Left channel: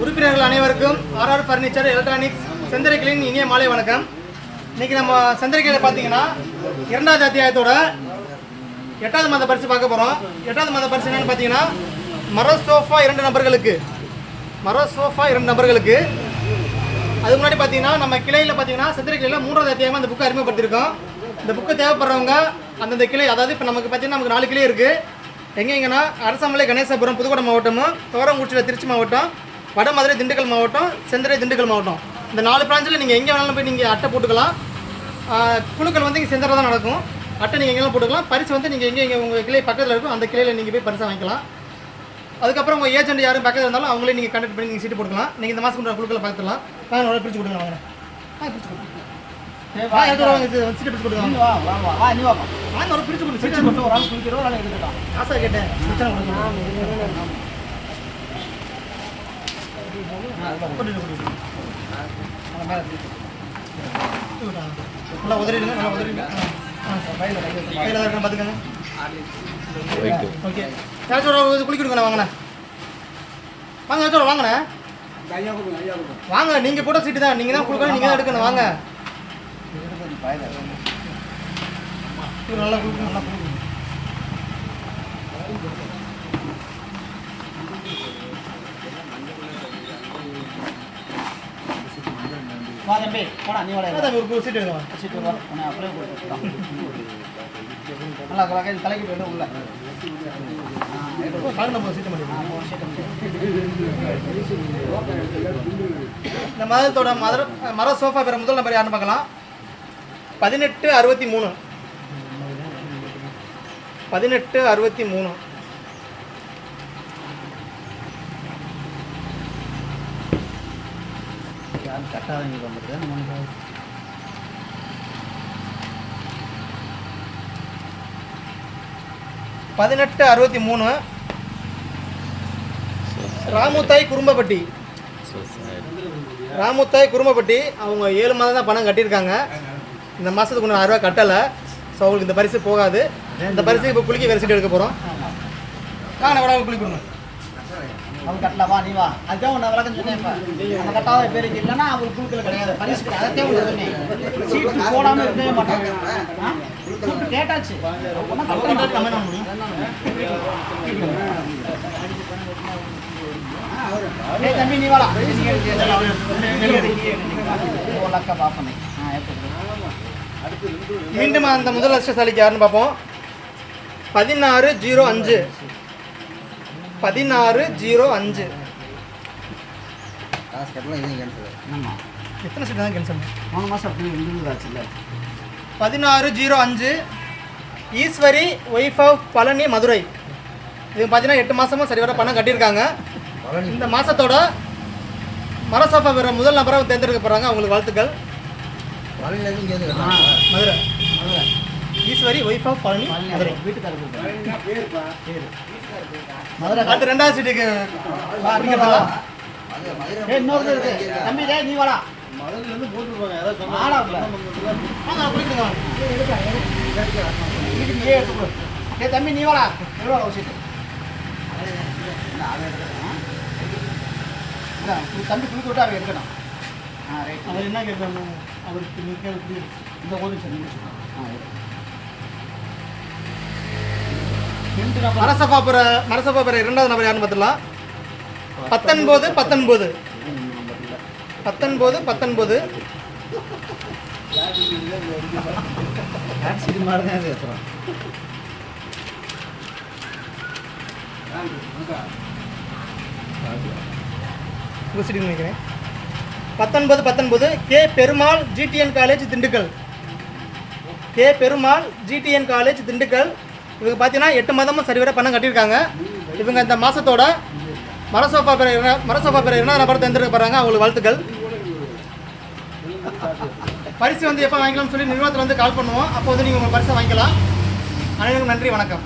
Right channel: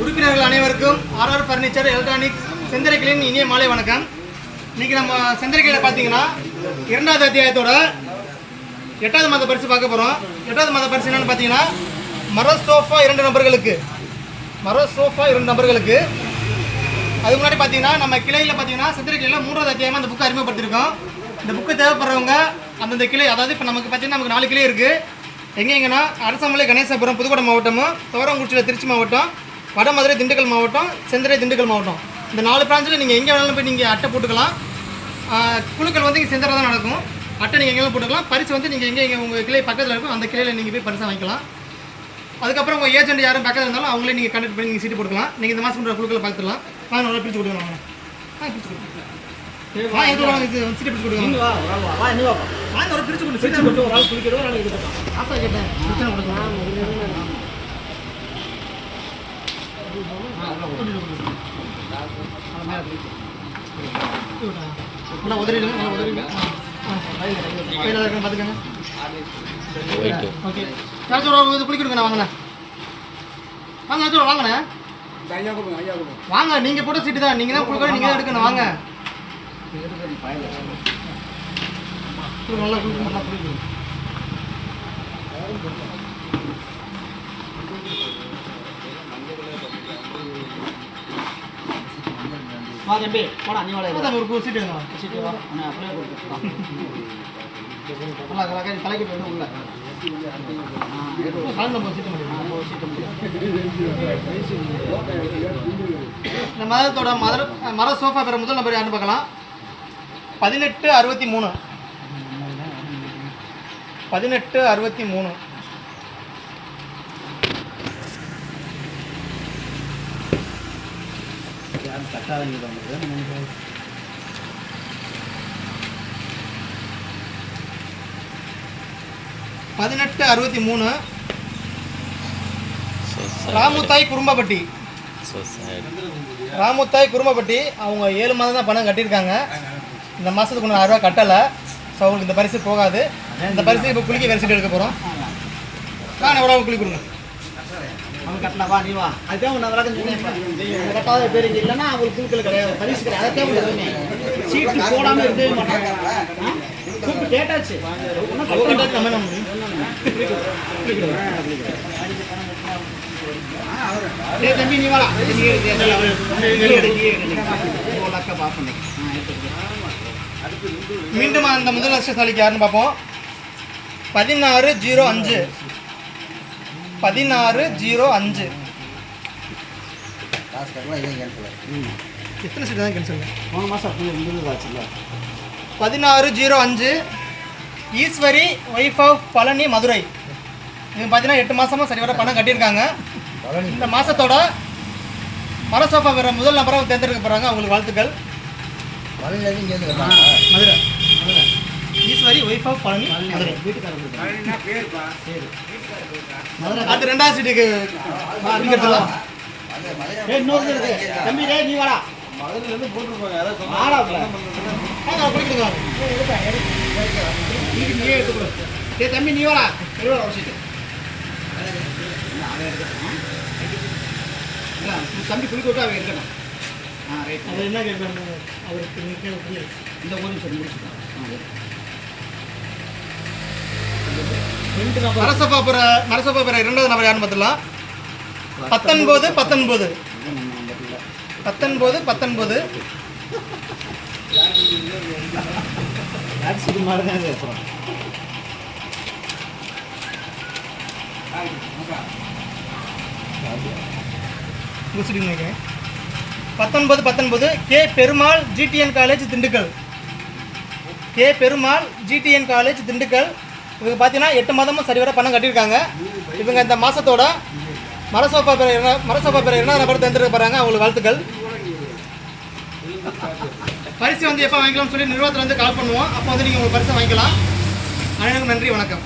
உறுப்பினர்கள் அனைவருக்கும் RR furniture electronics செந்தரைகளின் இனிய மாலை வணக்கம். இன்னைக்கு நம்ம செந்தரைகளில் பார்த்தீங்கன்னா 2வது அத்தியாயத்தோட 8வது மாத பரிசு பார்க்க போகிறோம். 8வது மாத பரிசு என்னன்னு பார்த்தீங்கன்னா மர சோஃபா 2 நபர்களுக்கு. அதுக்கு முன்னாடி பார்த்தீங்கன்னா நம்ம கிளையில் பார்த்தீங்கன்னா செந்தரைகளில் 3வது அத்தியாயமாக இந்த புக்கை அறிமுகப்படுத்திருக்கோம். இந்த புக்கு தேவைப்படுறவங்க அந்தந்த கிளை, அதாவது இப்போ நமக்கு பார்த்தீங்கன்னா நமக்கு 4 கிளை இருக்குது. எங்கெங்கன்னா அரசமலை கணேசபுரம் புதுக்கோட்டை மாவட்டமும், துவரங்குறிச்சியில் திருச்சி மாவட்டம், வடமதுரை திண்டுக்கல் மாவட்டம், செந்தரை திண்டுக்கல் மாவட்டம். இந்த 4 பிரான்ச்சில் நீங்கள் எங்கே வேணாலும் போய் நீங்கள் அட்டை போட்டுக்கலாம். குழுக்கள் வந்து இங்கே செந்தரை தான் நடக்கும். அட்டை நீங்கள் எங்கேயும் போட்டுக்கலாம். பரிசு வந்து நீங்கள் எங்கே உங்கள் கிளை பக்கத்தில் இருக்கும் அந்த கிளையில் நீங்கள் போய் பரிசை வாங்கிக்கலாம். அதுக்கப்புறம் உங்கள் ஏஜென்ட் யாரும் பக்கத்தில் இருந்தாலும் அவங்களே நீங்கள் கண்டக்ட் பண்ணி நீங்கள் சீட்டு போட்டுக்கலாம். நீங்கள் இந்த மாதம் பண்ணுற குழுக்களை பார்த்துக்கலாம். வாங்க பிரித்து கொடுக்கலாம். வாங்க பிரித்து கொடுக்கலாம். சீட்டு பிடிச்சி கொடுக்கலாம். ஒரு பிரித்து கொடுத்து சீட்டு போட்டு ஒரு ஆள் குளிக்கிறோம். ஒரு ஆள் இது போட்டான் ஆசை கேட்டேன். நல்லா உதறிடுங்க. நல்லா உதறிடுங்க. பார்த்துக்கங்க. ஓகே ஏதாச்சும் குளிக்கிடுங்கண்ணா. வாங்கண்ணே வாங்க. ஏதாச்சும் வாங்கண்ணே வாங்க. நீங்கள் கூட சீட்டு தான். நீங்கள் தான் கொடுக்கணும். நீங்கள் தான் எடுக்கணும். வாங்க. நல்லா குளிக்கணும். நல்லா குளிக்கணும். வா தம்பி போடா. நீ வாடா. ஒரு சீட்டு சீட்டு வா. அப்படியே கொடுத்துருக்கான். நல்லா தலைக்கு போயிடும் உள்ள இந்த மதத்தோட மர சோஃபா பெற முதல் நம்பர் யாருன்னு பார்க்கலாம். 1863 1863. கட்டாதீங்க பண்ணுறது 1863 ராமுத்தாய் குறும்பப்பட்டி. அவங்க 7 மாதம் தான் பணம் கட்டியிருக்காங்க. இந்த மாதத்துக்கு ஒன்று 6 ரூபா கட்டலை. ஸோ அவங்களுக்கு இந்த பரிசு போகாது. இந்த பரிசு இப்போ குளிக்க வேறு சீட்டு எடுக்க போகிறோம். நான் எவ்வளோ குளிக்க கொடுங்க. அவங்க கட்டலவா நீ வா. அதுதான் ஒன்று விளாட்னு சொன்னேன். கட்டாத பேர் இல்லைன்னா அவங்களுக்கு குழுக்கள் கிடையாது. பரிசு கிடையாது. அதைத்தான் ஒன்று சொன்னேன். சீட்டு போடாமல் இருக்கவே மாட்டாங்க. கேட்டாச்சு தம்பி நீ வாடா. மீண்டும் அந்த முதல் அதிர்ஷ்டசாலிக்கு யாருன்னு பார்ப்போம். 1605 எத்தனை சீட் தான் கேன்சல்? 3 மாதம் 1605 ஈஸ்வரி ஒய்ஃப் ஆஃப் பழனி மதுரை. இது பார்த்தீங்கன்னா 8 மாதமும் சரி வர பணம் கட்டியிருக்காங்க. இந்த மாதத்தோட மரசோஃபா வேற முதல் நபரை தேர்ந்தெடுக்க போகிறாங்க. அவங்களுக்கு வாழ்த்துக்கள். Madurai Eswari wife of Palani Madurai. மதுரை அடுத்து 2வது சீட்டுக்கு தம்பி நீ வாடா. மதுரையிலேருந்து போட்டுருப்பாங்க. யாராவது தம்பி நீ வாடா. எவ்வளோ சீட்டு தம்பி குளிக்க விட்டு அவங்க எடுக்கணும். ரைட். அவர் என்ன கேட்பாங்க? அவருக்கு இந்த கோயில் சரி முடிச்சுக்கணும். மரசோஃபா பெற 2வது நபர் யாருன்னு பார்த்துக்கலாம். 19 19 K Perumal GTN college Dindigul. இவங்க பார்த்தீங்கன்னா 8 மாதமும் சரிவர பணம் கட்டியிருக்காங்க. இவங்க இந்த மாதத்தோட மரசோஃபா பெற 2வது நபர் தேர்ந்தெடுக்கப்படுறாங்க. அவங்களுக்கு வாழ்த்துக்கள். பரிசு வந்து எப்போ வாங்கிக்கலாம்னு சொல்லி நிறுவனத்தில் வந்து கால் பண்ணுவோம். அப்போ வந்து நீங்கள் உங்கள் பரிசை வாங்கிக்கலாம். அனைவருக்கும் நன்றி, வணக்கம்.